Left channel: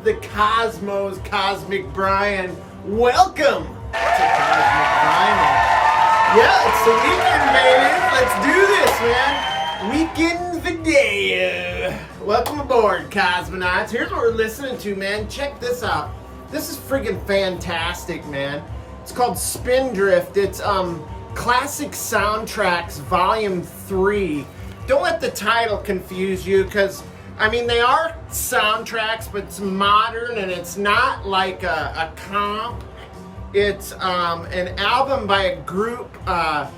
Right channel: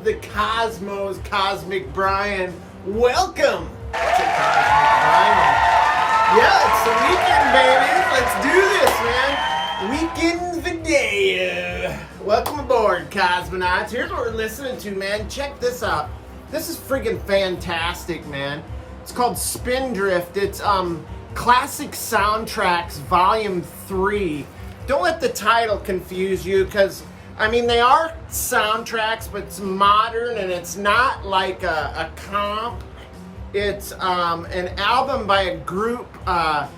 of the cosmos, Cosmic Brian. Welcome to Cosmic Vinyl. Yeah, it's the weekend, baby. Let's do this, man. Weekend video. Welcome aboard, cosmonauts. Here's what we're listening to, man. Check this out. This is freaking fantastic, man. It's called Spindrift. It's Classic Soundtracks Volume 3. Don't let the title confuse you, because I mean, they are soundtracks, but it's modern and it's not like a comp. It's an album by a group that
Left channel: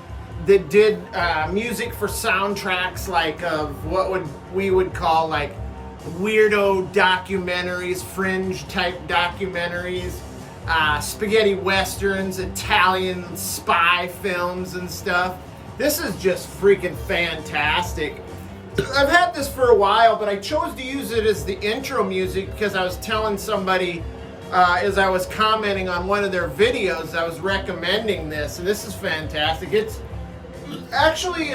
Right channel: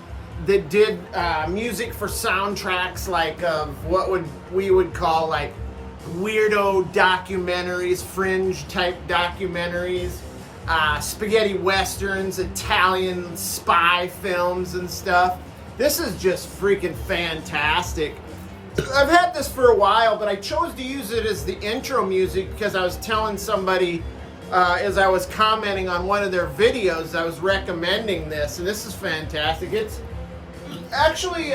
did music for soundtracks like what we would call like weirdo documentaries, fringe type documentaries, spaghetti westerns, Italian spy films and stuff. This is just freaking fantastic. I've had this for a while, but I chose to use it as the intro music because I was telling somebody as I was commenting on one of their videos, I was recommending this, and this is fantastic. It's actually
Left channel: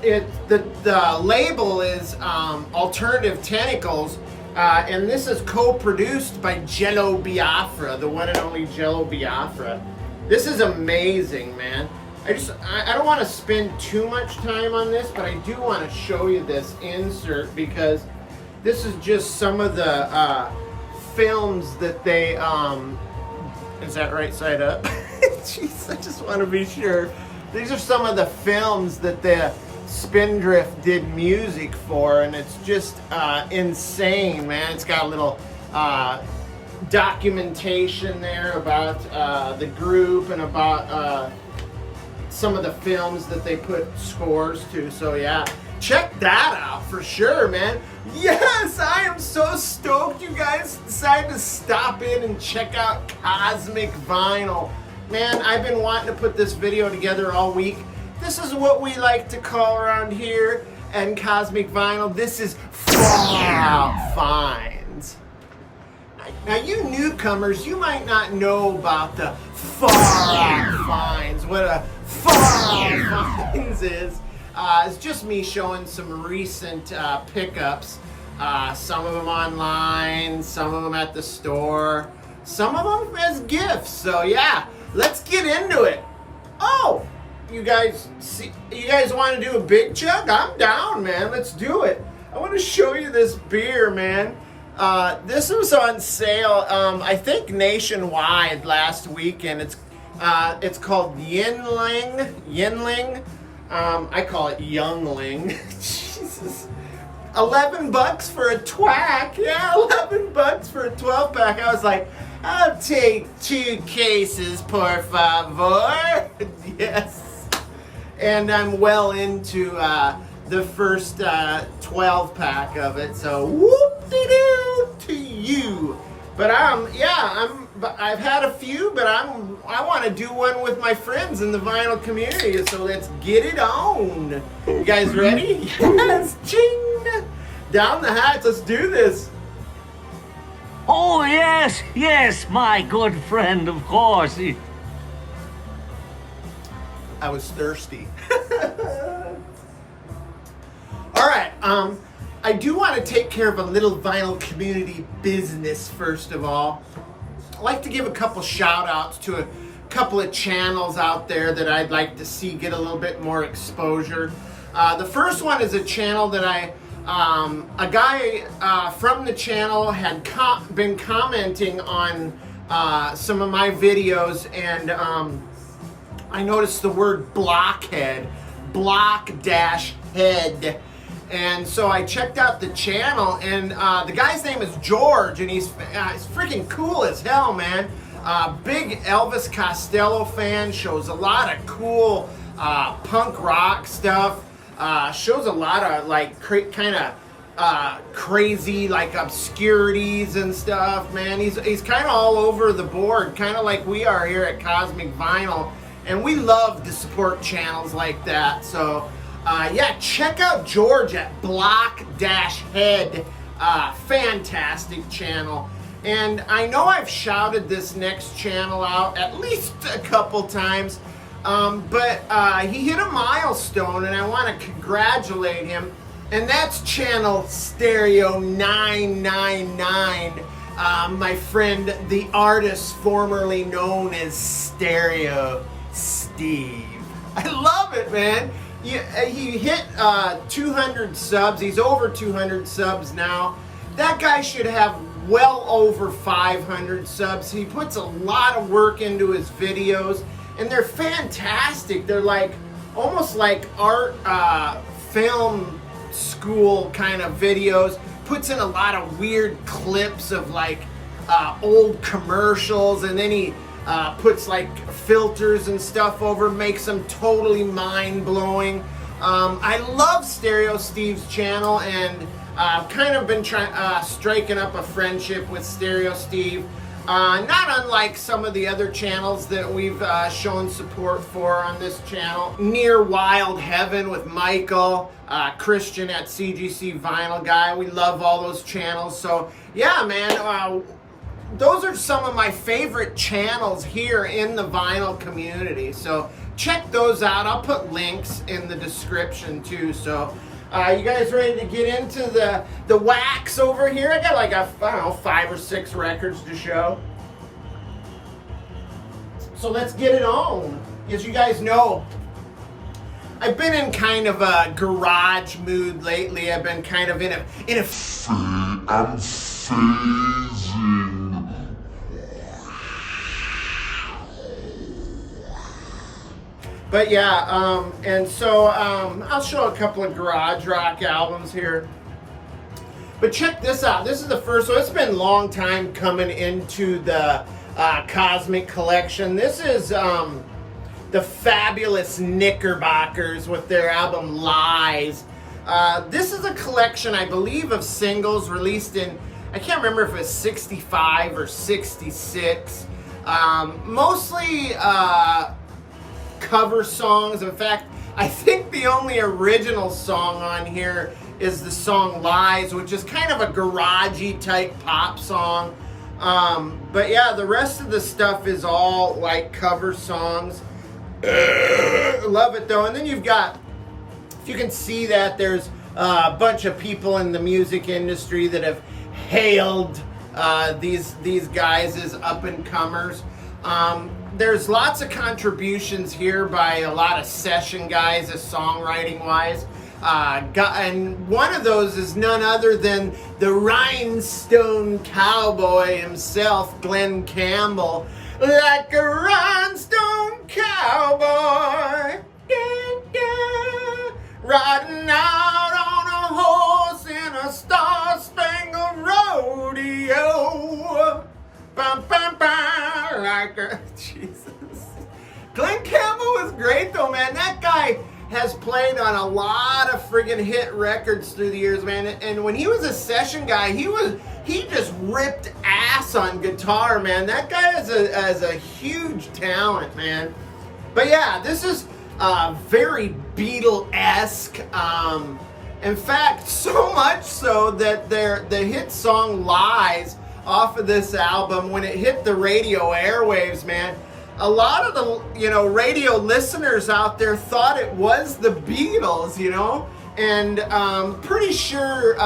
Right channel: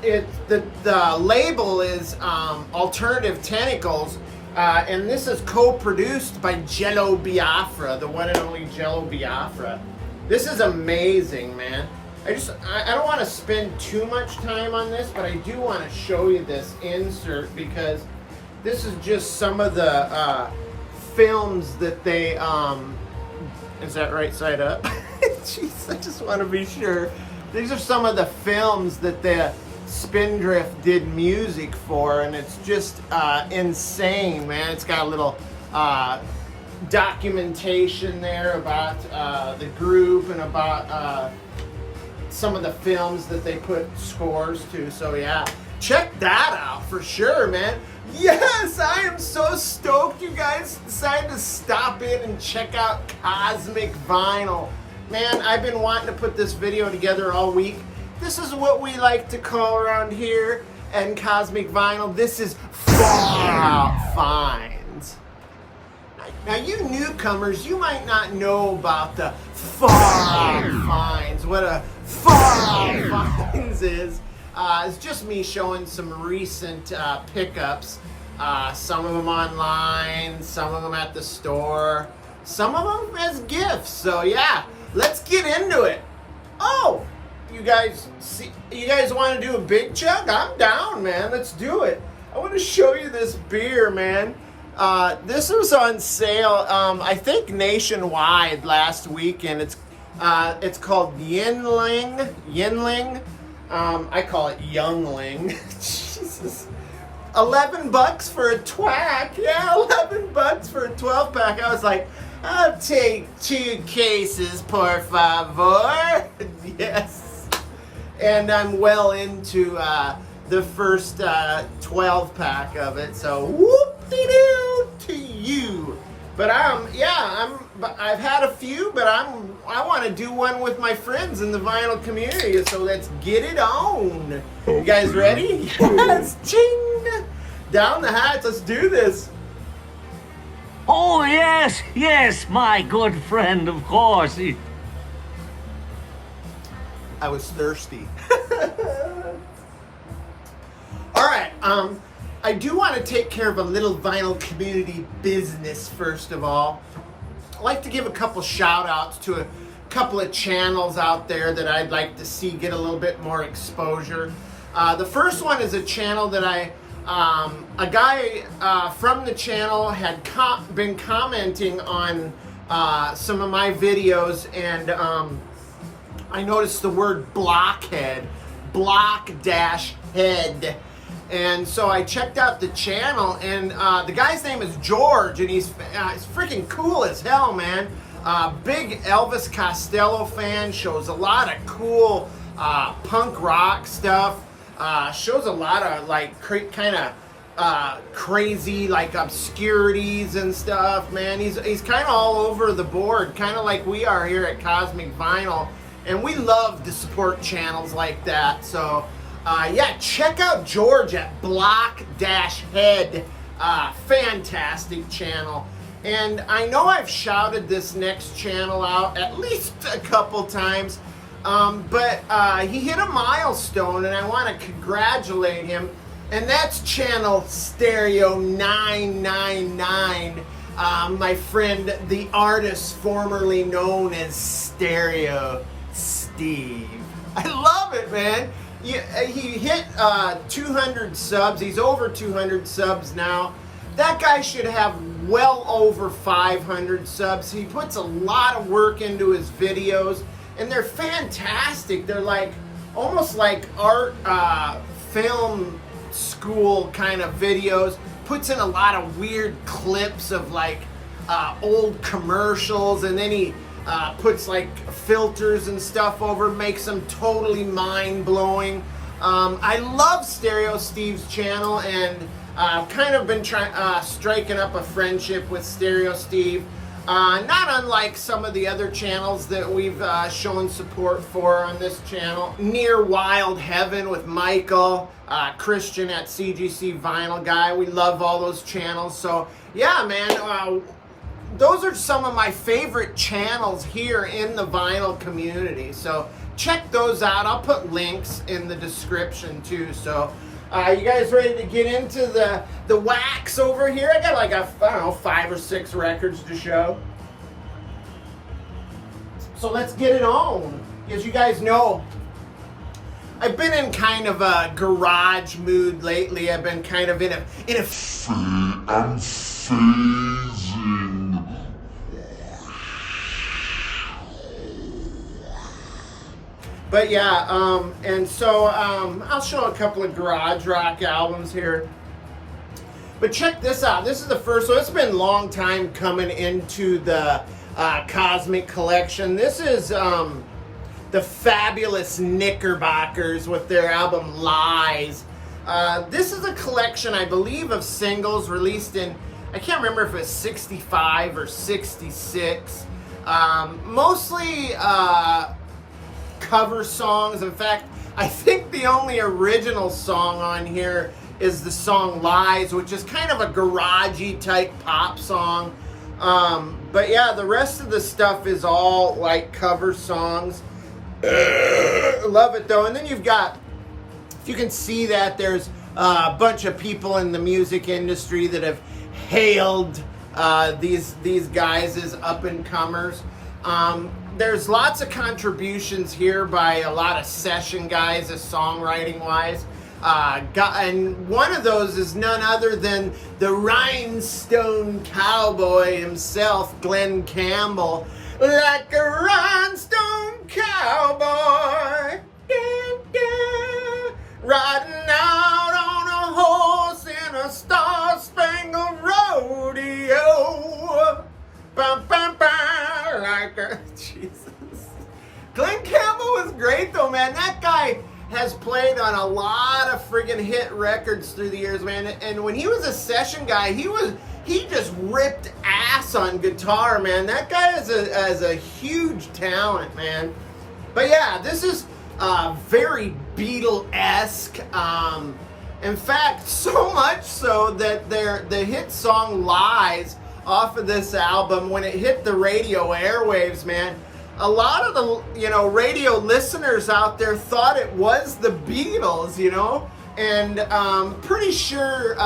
the label is Alternative Tentacles, and this is co-produced by Jello Biafra, the one and only Jello Biafra. This is amazing, man. I don't want to spend too much time on this, but I do want to show you this insert because this is just some of the films that they, is that right side up? Jeez, I just want to be sure. These are some of the films that the Spindrift did music for, and it's just insane, man. It's got a little documentation there about the group and about some of the films that they put scores to. So yeah, check that out for sure, man. Yes, I am so stoked you guys decided to stop in and check out Cosmic Vinyl. Man, I've been wanting to put this video together all week. This is what we like to call around here and Cosmic Vinyl. This is Fallout Finds. Now, you newcomers, you might not know about the Fallout Finds. What a Fallout Finds is. It's just me showing some recent pickups. Some of them online, some of them at the store, some of them as gifts. So yeah, let's get into it. Oh, you guys want to do a big chug? I'm down, man. Let's do it. I want to show you this beer, man. This was on sale, I think nationwide last weekend. It's called Yinling. I call it Youngling. Jesus. $11 for a twack. Yeah, $11 for a 12-pack. I was like, I'll take 2 cases, por favor. Yes. And I'm well into the first 12-pack of it. So whoop-de-doo to you. But I've had a few, but I want to do one with my friends in the vinyl community. So let's get it on. You guys ready? Yes, ching! Down the hatch. Let's do this. Oh yes, my good friend, of course. I was thirsty. All right. I do want to take care of a little vinyl community business first of all. I'd like to give a couple shout outs to a couple of channels out there that I'd like to see get a little bit more exposure. The first one is a channel that a guy from the channel had been commenting on some of my videos, and I noticed the word blockhead, block-head. And so I checked out the channel, and the guy's name is George, and he's freaking cool as hell, man. Big Elvis Costello fan, shows a lot of cool punk rock stuff. Shows a lot of like kind of crazy like obscurities and stuff, man. He's kind of all over the board, kind of like we are here at Cosmic Vinyl, and we love to support channels like that. So yeah, check out George at Block-Head. Fantastic channel. And I know I've shouted this next channel out at least a couple times, but he hit a milestone, and I want to congratulate him. And that's channel Stereo 999. My friend, the artist formerly known as Stereo Steve. I love it, man. He hit 200 subs. He's over 200 subs now. That guy should have well over 500 subs. He puts a lot of work into his videos, and they're fantastic. They're like almost like art film school kind of videos. Puts in a lot of weird clips of like old commercials, and then he puts like filters and stuff over, makes them totally mind-blowing. I love Stereo Steve's channel, and I've kind of been striking up a friendship with Stereo Steve. Not unlike some of the other channels that we've shown support for on this channel. Near Wild Heaven with Michael, Christian at CGC Vinyl Guy. We love all those channels. So yeah, man, those are some of my favorite channels here in the vinyl community. So check those out. I'll put links in the description too. So you guys ready to get into the wax over here? I got like, I don't know, 5 or 6 records to show. So let's get it on. As you guys know, I've been in kind of a garage mood lately. I've been kind of in a I'm phasing. But yeah, and so I'll show a couple of garage rock albums here. But check this out. This is the first one. It's been a long time coming into the Cosmic Collection. This is the fabulous Knickerbockers with their album Lies. This is a collection, I believe, of singles released in, I can't remember if it's 65 or 66. Mostly cover songs. In fact, I think the only original song on here is the song Lies, which is kind of a garagey type pop song. But yeah, the rest of the stuff is all like cover songs. Love it though. And then you've got, if you can see that, there's a bunch of people in the music industry that have hailed these guys as up-and-comers. There's lots of contributions here by a lot of session guys, songwriting-wise. And one of those is none other than the Rhinestone Cowboy himself, Glenn Campbell. Like a rhinestone cowboy, yeah, yeah, riding out on a horse in a star-spangled rodeo. Bum, bum, bum, like a... Jesus. Glenn Campbell was great though, man. That guy has played on a lot of friggin' hit records through the years, man. And when he was a session guy, he just ripped ass on guitar, man. That guy has a huge talent, man. But yeah, this is very Beatle-esque. In fact, so much so that the hit song Lies off of this album, when it hit the radio airwaves, man, a lot of the, radio listeners out there thought it was the Beatles, and pretty sure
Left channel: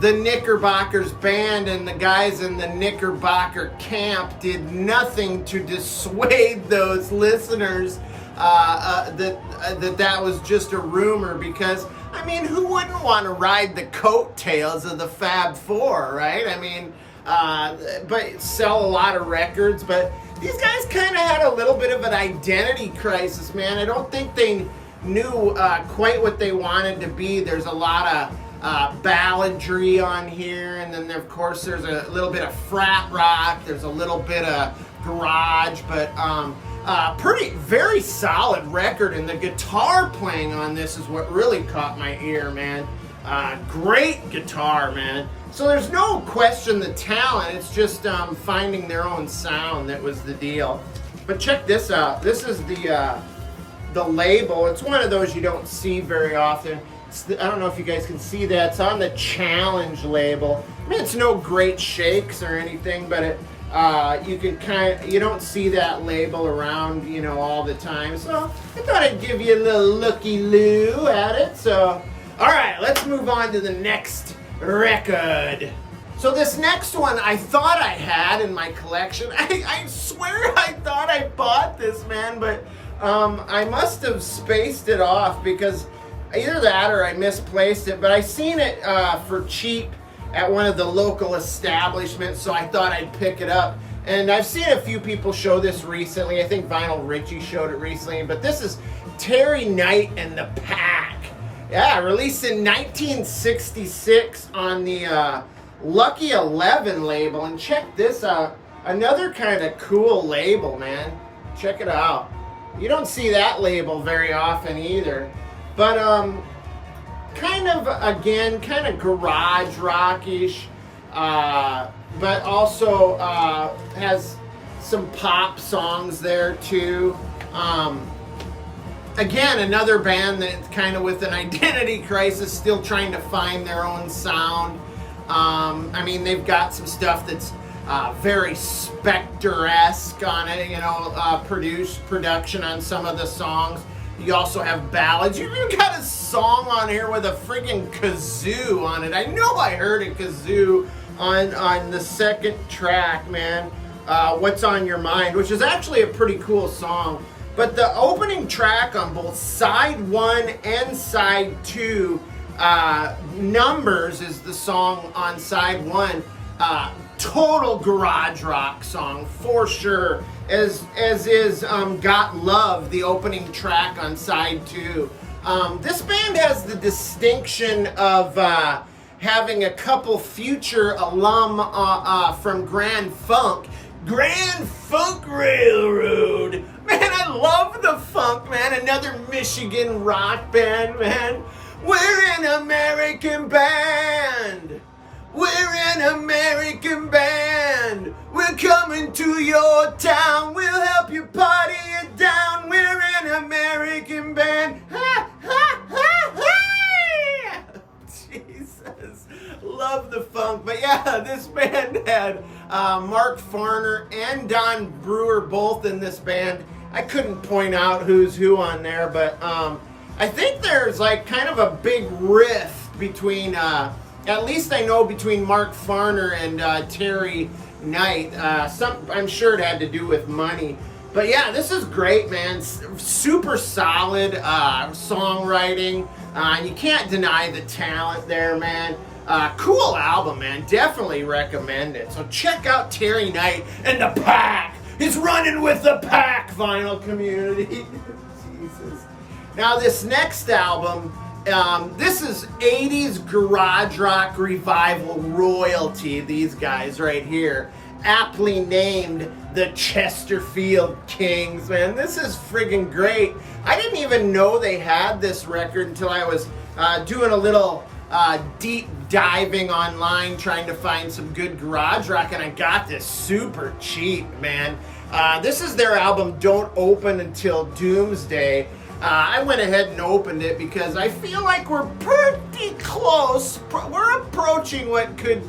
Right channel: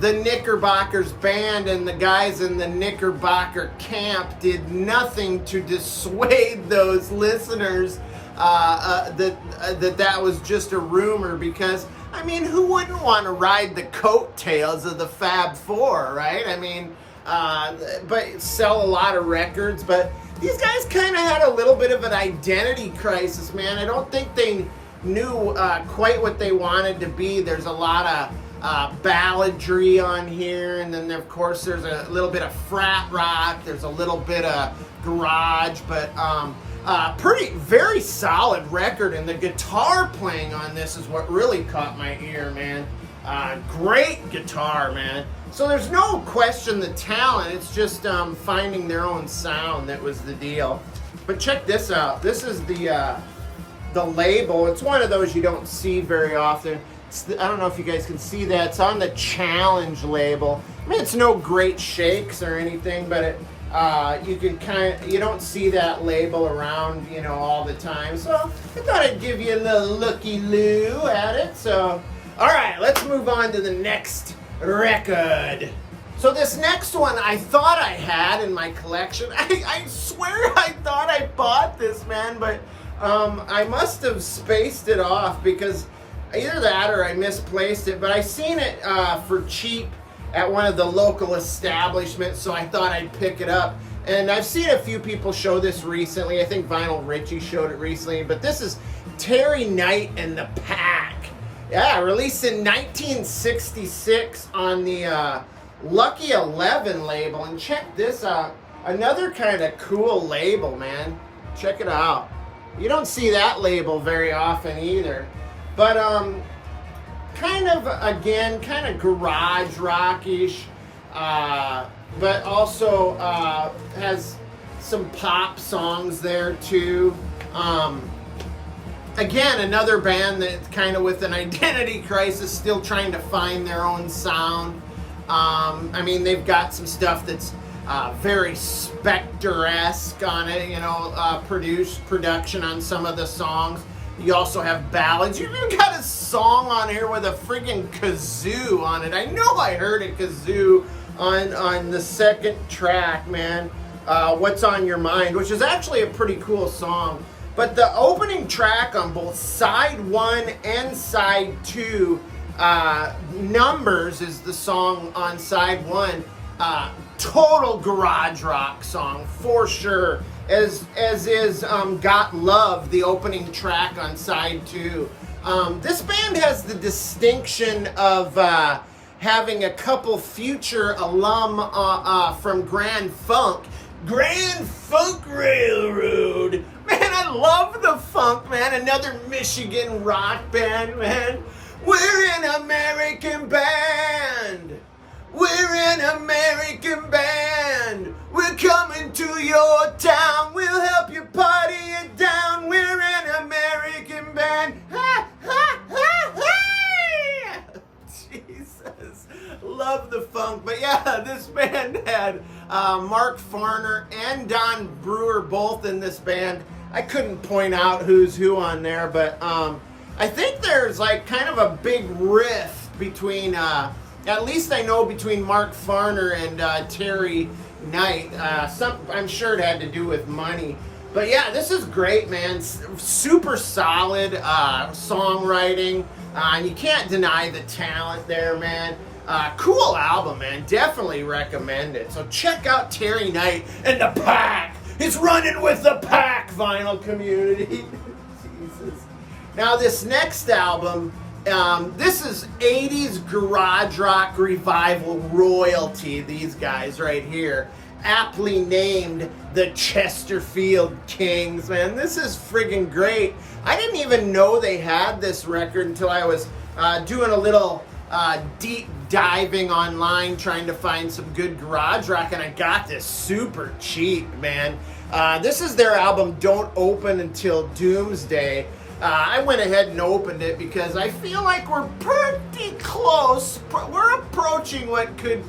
the Knickerbockers band and the guys in the Knickerbocker camp did nothing to dissuade those listeners that was just a rumor, because, I mean, who wouldn't want to ride the coattails of the Fab Four, right? I mean, but sell a lot of records, but these guys kind of had a little bit of an identity crisis, man. I don't think they knew quite what they wanted to be. There's a lot of balladry on here, and then of course there's a little bit of frat rock, there's a little bit of garage, but very solid record, and the guitar playing on this is what really caught my ear, man. Great guitar, man. So there's no question the talent, it's just finding their own sound that was the deal. But check this out. This is the label. It's one of those you don't see very often. I don't know if you guys can see that. It's on the Challenge label. I mean, it's no great shakes or anything, but it, you don't see that label around, all the time. So I thought I'd give you a little looky-loo at it. So All right, let's move on to the next record. So this next one I thought I had in my collection. I swear I thought I bought this, man, but I must have spaced it off because either that or I misplaced it, but I seen it for cheap at one of the local establishments, so I thought I'd pick it up. And I've seen a few people show this recently. I think Vinyl Richie showed it recently, but this is Terry Knight and the Pack. Yeah, released in 1966 on the Lucky 11 label. And check this out. Another kind of cool label, man. Check it out. You don't see that label very often either. But kind of, again, kind of garage rock-ish. But also has some pop songs there too. Again, another band that's kind of with an identity crisis, still trying to find their own sound. I mean, they've got some stuff that's very Spectre-esque on it, you know, production on some of the songs. You also have ballads. You even got a song on here with a friggin' kazoo on it. I know I heard a kazoo on the second track, man. What's on Your Mind, which is actually a pretty cool song. But the opening track on both side 1 and side 2, Numbers is the song on side 1. Total garage rock song for sure. As is Got Love, the opening track on side 2. This band has the distinction of having a couple future alum from Grand Funk Railroad. Man, I love the funk, man. Another Michigan rock band, man. We're an American band. We're an American band. We're coming to your town. We'll help you party it down. We're an American band. Ha, ha, ha, ha. Jesus. Love the funk. But yeah, this band had Mark Farner and Don Brewer both in this band. I couldn't point out who's who on there, but I think there's like kind of a big rift between, at least I know between Mark Farner and Terry Knight. I'm sure it had to do with money. But yeah, this is great, man. Super solid songwriting. You can't deny the talent there, man. Cool album, man. Definitely recommend it. So check out Terry Knight and the Pack. It's running with the Pack, Vinyl Community. Jesus. Now this next album, this is 80s garage rock revival royalty. These guys right here, aptly named the Chesterfield Kings. Man, this is friggin' great. I didn't even know they had this record until I was doing a little deep diving online trying to find some good garage rock, and I got this super cheap, man. This is their album Don't Open Until Doomsday. I went ahead and opened it because I feel like we're pretty close. We're approaching what could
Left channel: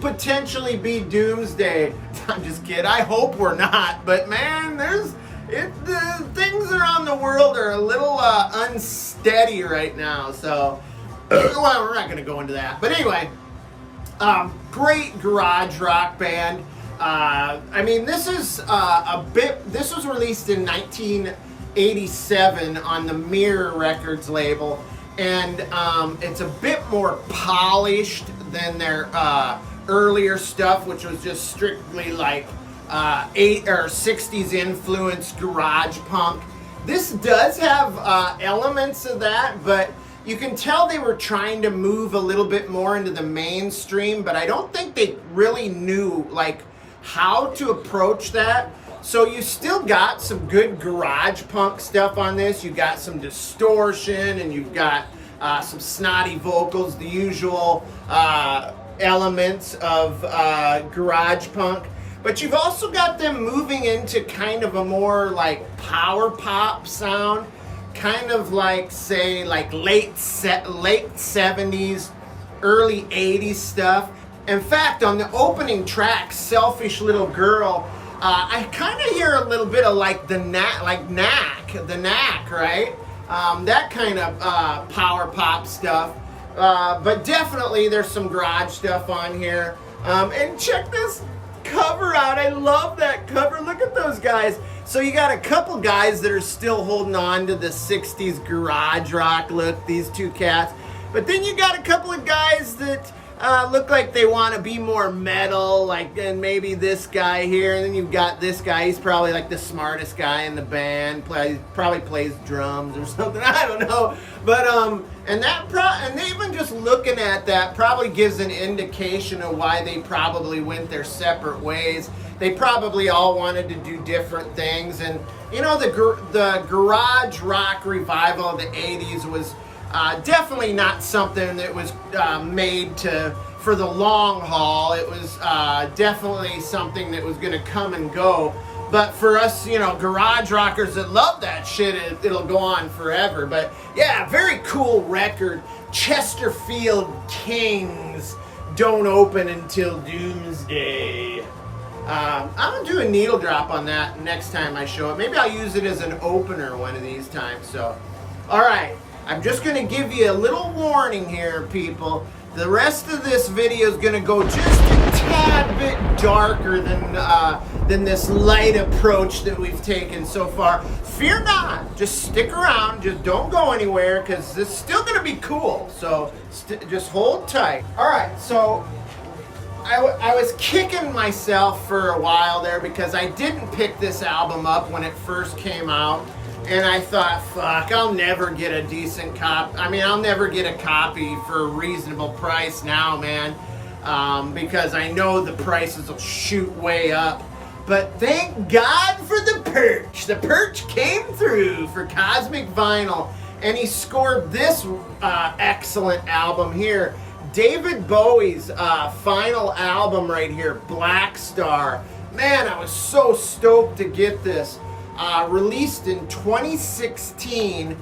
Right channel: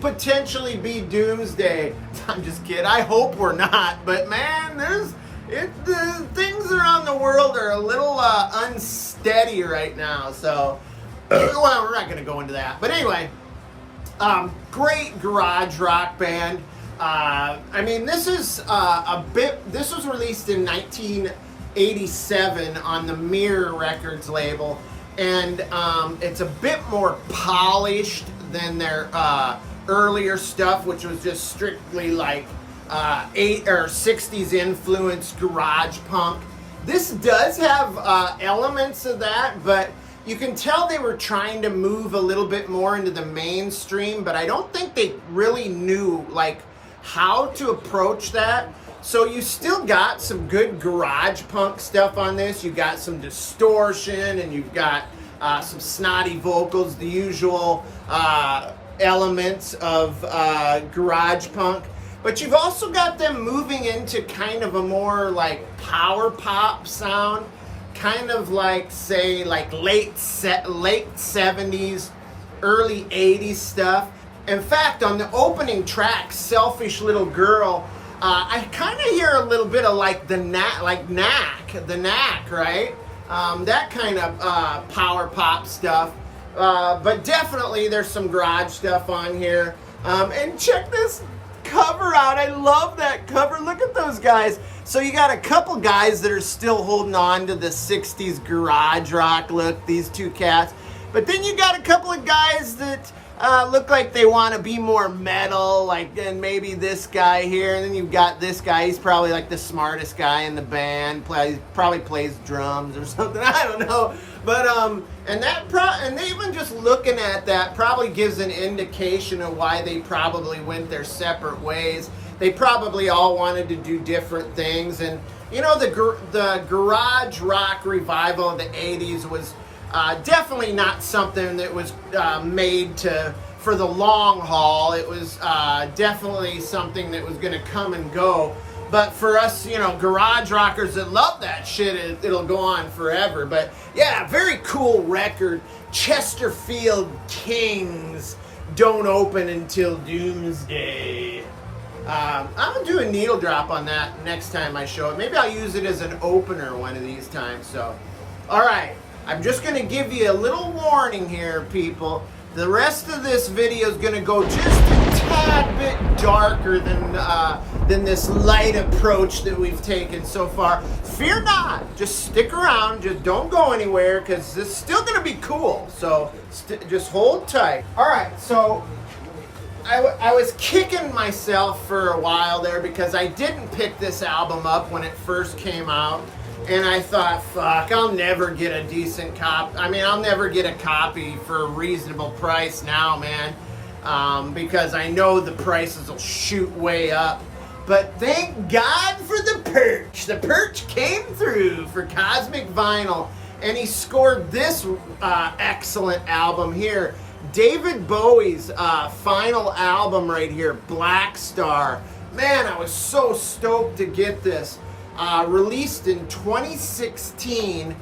potentially be Doomsday. I'm just kidding. I hope we're not, but man, the things around the world are a little unsteady right now, so well, we're not going to go into that. But anyway, great garage rock band. I mean, this is this was released in 1987 on the Mirror Records label, and it's a bit more polished than their earlier stuff, which was just strictly like 8 or 60s influenced garage punk. This does have elements of that, but you can tell they were trying to move a little bit more into the mainstream, but I don't think they really knew like how to approach that. So you still got some good garage punk stuff on this. You got some distortion, and you've got some snotty vocals, the usual elements of garage punk. But you've also got them moving into kind of a more like power pop sound, kind of like, say, like late 70s, early 80s stuff. In fact, on the opening track, Selfish Little Girl, I kind of hear a little bit of like the Knack, right? that kind of power pop stuff. But definitely there's some garage stuff on here. And check this cover out. I love that cover. Look at those guys. So you got a couple guys that are still holding on to the 60s garage rock look, these two cats. But then you got a couple of guys that look like they want to be more metal, like, and maybe this guy here. And then you've got this guy. He's probably like the smartest guy in the band. Probably plays drums or something. I don't know. But and even just looking at that probably gives an indication of why they probably went their separate ways. They probably all wanted to do different things. And you know, the garage rock revival of the 80s was definitely not something that was made for the long haul. It was definitely something that was going to come and go. But for us, you know, garage rockers that love that shit, it'll go on forever. But yeah, very cool record. Chesterfield Kings, Don't Open Until Doomsday. I'm going to do a needle drop on that next time I show it. Maybe I'll use it as an opener one of these times. So, all right. I'm just going to give you a little warning here, people. The rest of this video is going to go just a tad bit darker than this light approach that we've taken so far. Fear not. Just stick around. Just don't go anywhere, because this is still going to be cool. So just hold tight. All right, so I was kicking myself for a while there because I didn't pick this album up when it first came out. And I thought, fuck, I'll never get a decent copy. I mean, I'll never get a copy for a reasonable price now, man. Because I know the prices will shoot way up. But thank God for the Perch. The Perch came through for Cosmic Vinyl. And he scored this excellent album here. David Bowie's final album right here, Black Star. Man, I was so stoked to get this. Released in 2016,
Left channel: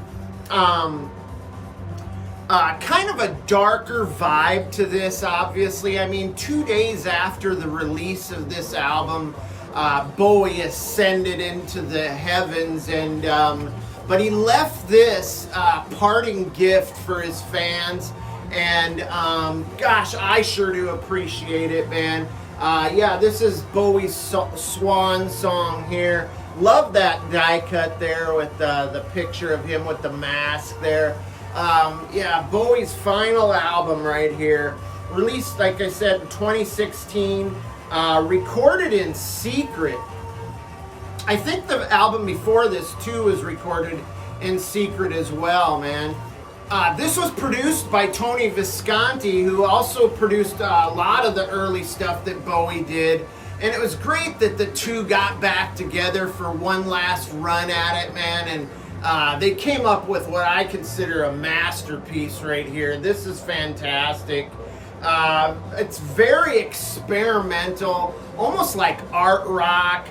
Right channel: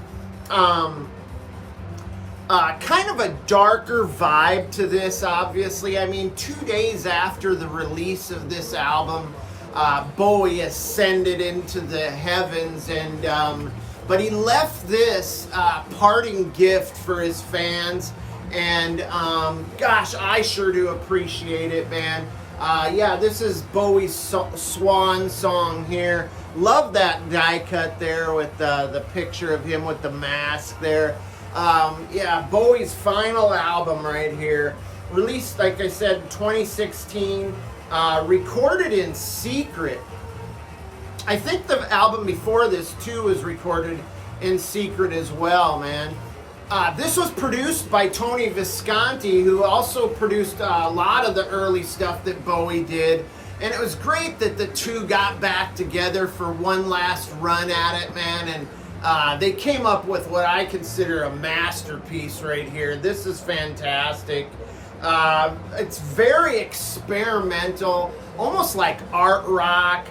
kind of a darker vibe to this, obviously. I mean, 2 days after the release of this album, Bowie ascended into the heavens, and but he left this parting gift for his fans, and gosh, I sure do appreciate it, man. Yeah, this is Bowie's swan song here. Love that die cut there with the picture of him with the mask there. Yeah, Bowie's final album right here. Released, like I said, in 2016. Recorded in secret. I think the album before this, too, was recorded in secret as well, man. This was produced by Tony Visconti, who also produced a lot of the early stuff that Bowie did. And it was great that the two got back together for one last run at it, man. And they came up with what I consider a masterpiece right here. This is fantastic. It's very experimental, almost like art rock.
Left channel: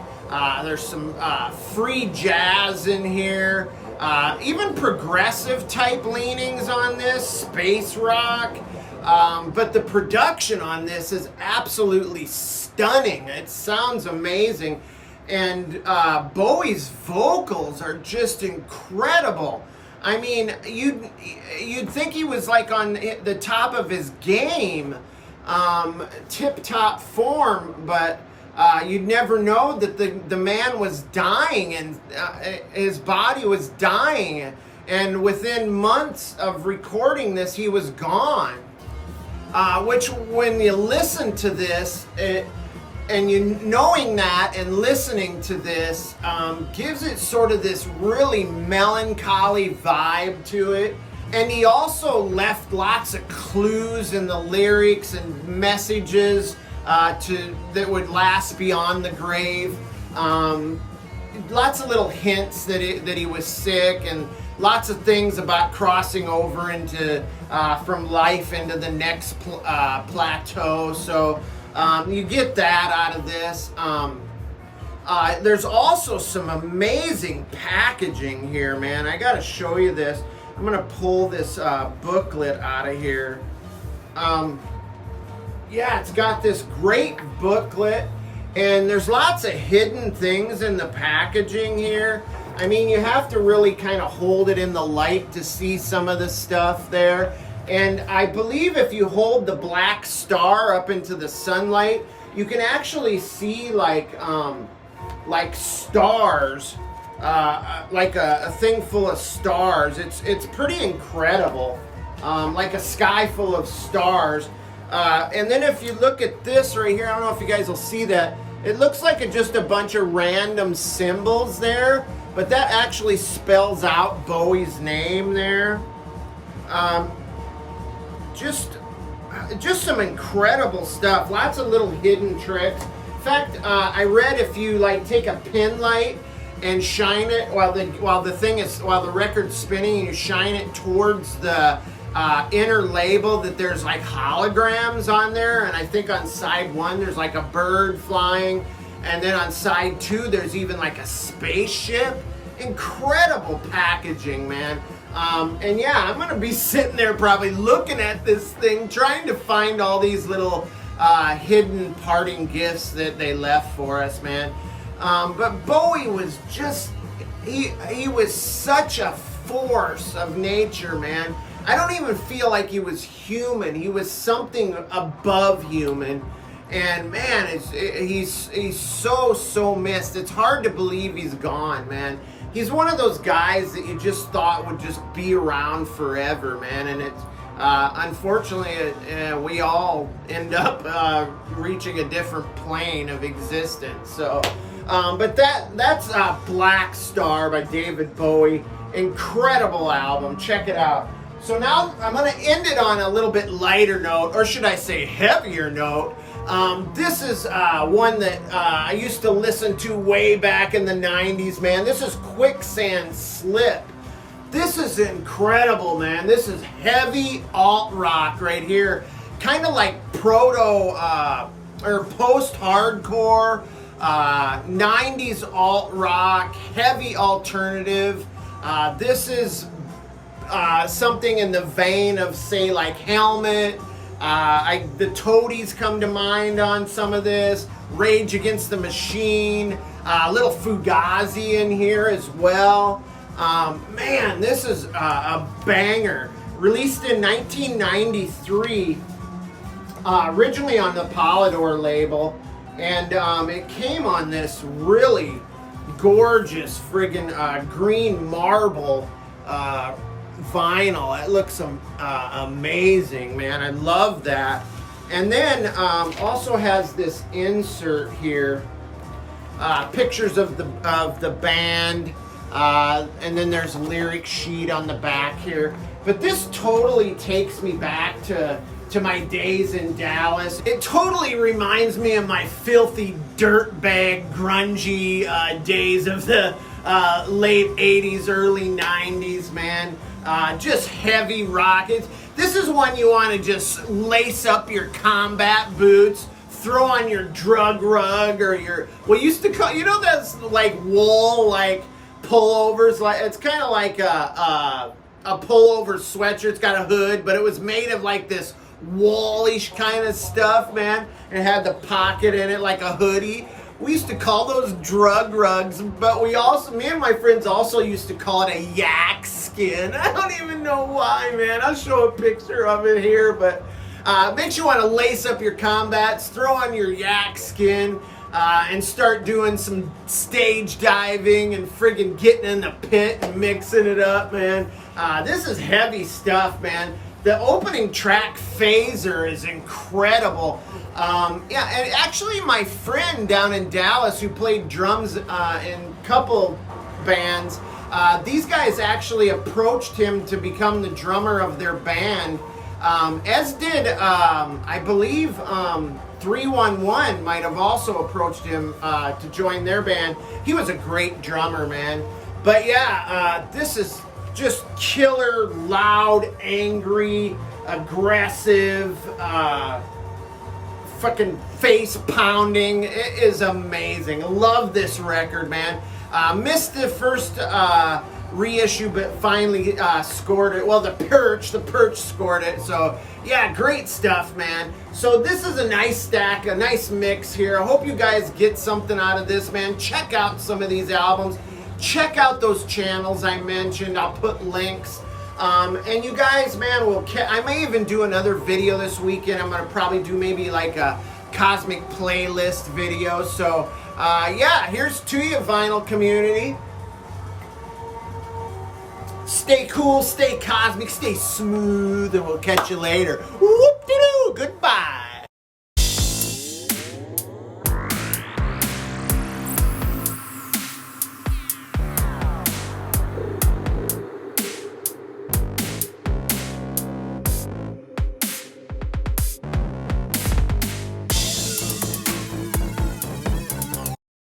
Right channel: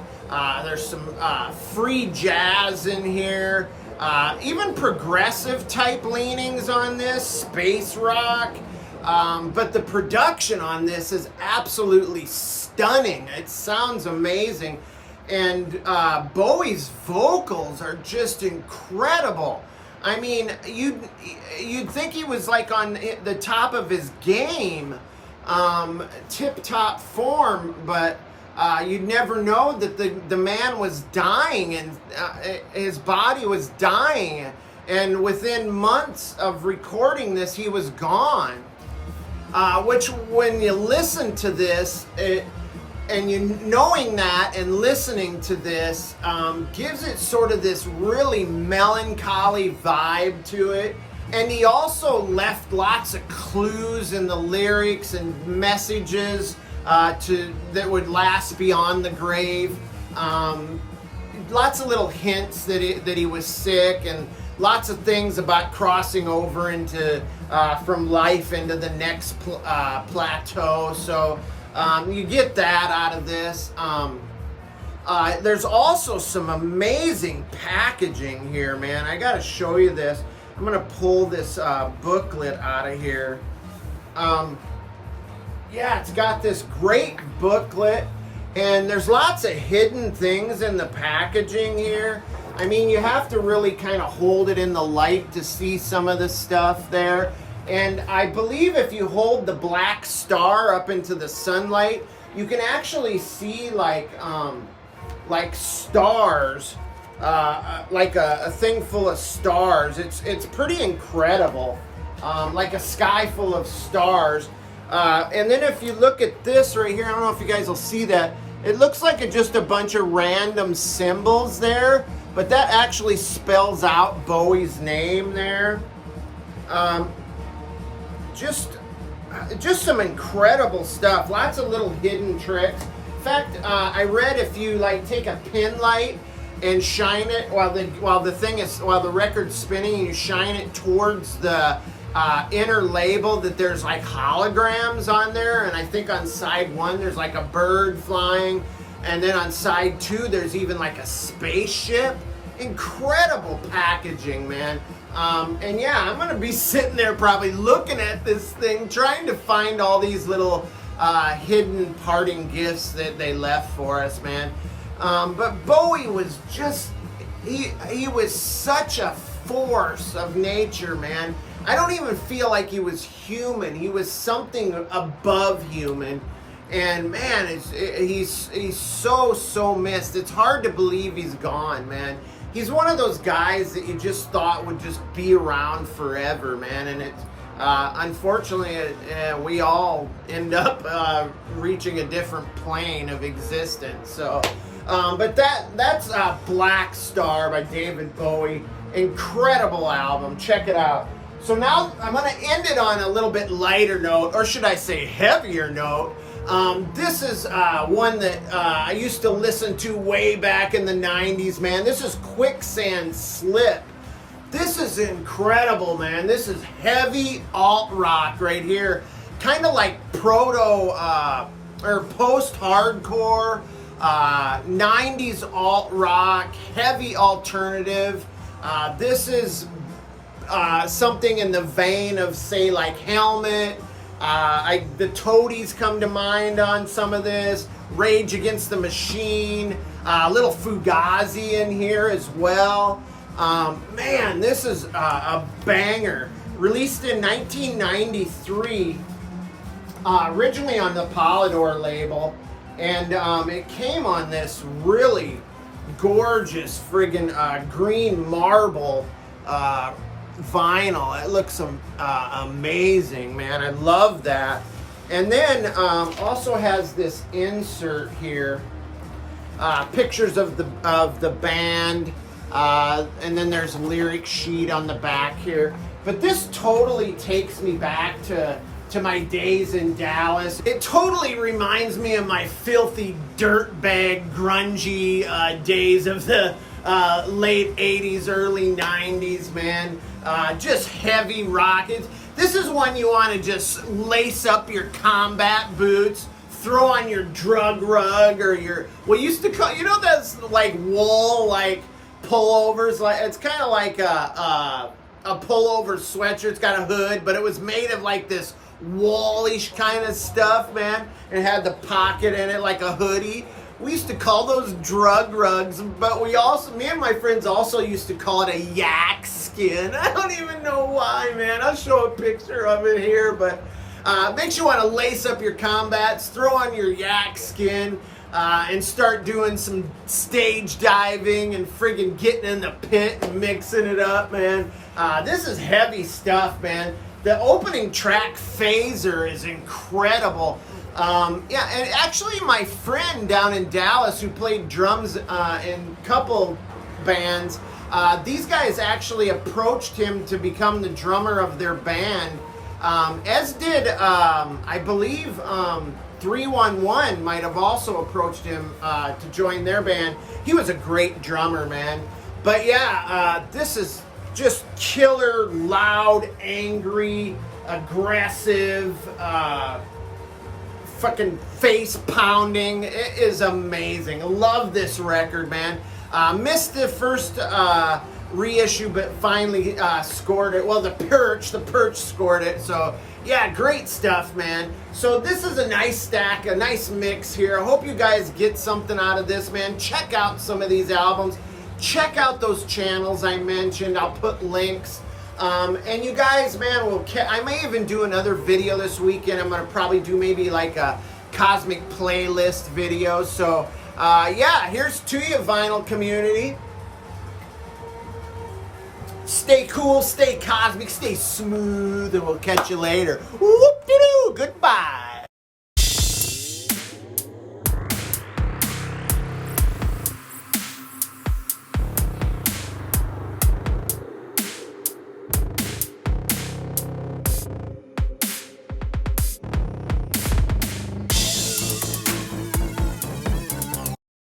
There's some free jazz in here. Even progressive type leanings on this, space rock. But the production on this is absolutely stunning. It sounds amazing. And Bowie's vocals are just incredible. I mean, you'd think he was like on the top of his game, tip-top form, but you'd never know that the man was dying, and his body was dying. And within months of recording this, he was gone. Which, when you listen to this, and you knowing that and listening to this, gives it sort of this really melancholy vibe to it. And he also left lots of clues in the lyrics and messages that would last beyond the grave. Lots of little hints that he was sick, and lots of things about crossing over into from life into the next plateau. So you get that out of this. There's also some amazing packaging here, man. I gotta show you this. I'm gonna pull this booklet out of here. Yeah, it's got this great booklet, and there's lots of hidden things in the packaging here. I mean, you have to really kind of hold it in the light to see some of the stuff there. And I believe if you hold the black star up into the sunlight, you can actually see like stars, like a thing full of stars. It's pretty incredible, like a sky full of stars. And then if you look at this right here, I don't know if you guys will see that. It looks like just a bunch of random symbols there, but that actually spells out Bowie's name there. Just some incredible stuff. Lots of little hidden tricks. In fact, I read if you like take a pin light and shine it while the record's spinning, you shine it towards the inner label, that there's like holograms on there. And I think on side 1 there's like a bird flying, and then on side 2 there's even like a spaceship. Incredible packaging, man. And yeah, I'm gonna be sitting there probably looking at this thing, trying to find all these little hidden parting gifts that they left for us, man. But Bowie was just, he was such a force of nature, man. I don't even feel like he was human. He was something above human. And man, he's so missed. It's hard to believe he's gone, man. He's one of those guys that you just thought would just be around forever, man. And it's unfortunately, we all end up reaching a different plane of existence. So, but that's Black Star by David Bowie. Incredible album. Check it out. So now I'm going to end it on a little bit lighter note, or should I say heavier note. This is one that I used to listen to way back in the 90s, man. This is Quicksand Slip. This is incredible, man. This is heavy alt-rock right here. Kind of like proto or post-hardcore, 90s alt-rock, heavy alternative. This is something in the vein of, say, like Helmet. The Toadies come to mind on some of this. Rage Against the Machine. A little Fugazi in here as well. Man, this is a banger. Released in 1993. Originally on the Polydor label. And it came on this really gorgeous friggin' green marble vinyl. It looks amazing, man. I love that. And then also has this insert here, pictures of the band, and then there's a lyric sheet on the back here. But this totally takes me back to my days in Dallas. It totally reminds me of my filthy dirtbag grungy days of the late 80s, early 90s, man. Just heavy rock. This is one you want to just lace up your combat boots, throw on your drug rug or your, what used to call, you know, that's like wool, like pullovers. Like it's kind of like a pullover sweatshirt. It's got a hood, but it was made of like this woolish kind of stuff, man. It had the pocket in it like a hoodie. We used to call those drug rugs, but me and my friends also used to call it a yak skin. I don't even know why, man. I'll show a picture of it here, but makes you want to lace up your combats, throw on your yak skin, and start doing some stage diving and friggin' getting in the pit and mixing it up, man. This is heavy stuff, man. The opening track, Phaser, is incredible. Yeah, and actually my friend down in Dallas who played drums in a couple bands, these guys actually approached him to become the drummer of their band, as did, I believe, 311 might have also approached him to join their band. He was a great drummer, man. But yeah, this is just killer, loud, angry, aggressive, fucking face pounding. It is amazing. I love this record, man. Missed the first reissue, but finally scored it. Well, the Perch scored it. So yeah, great stuff, man. So this is a nice stack, a nice mix here. I hope you guys get something out of this, man. Check out some of these albums. check out those channels I mentioned. I'll put links. And you guys, man, I may even do another video this weekend. I'm going to probably do maybe like a cosmic playlist video. So, yeah, here's to you, vinyl community. Stay cool, stay cosmic, stay smooth, and we'll catch you later. Whoop-de-doo, goodbye.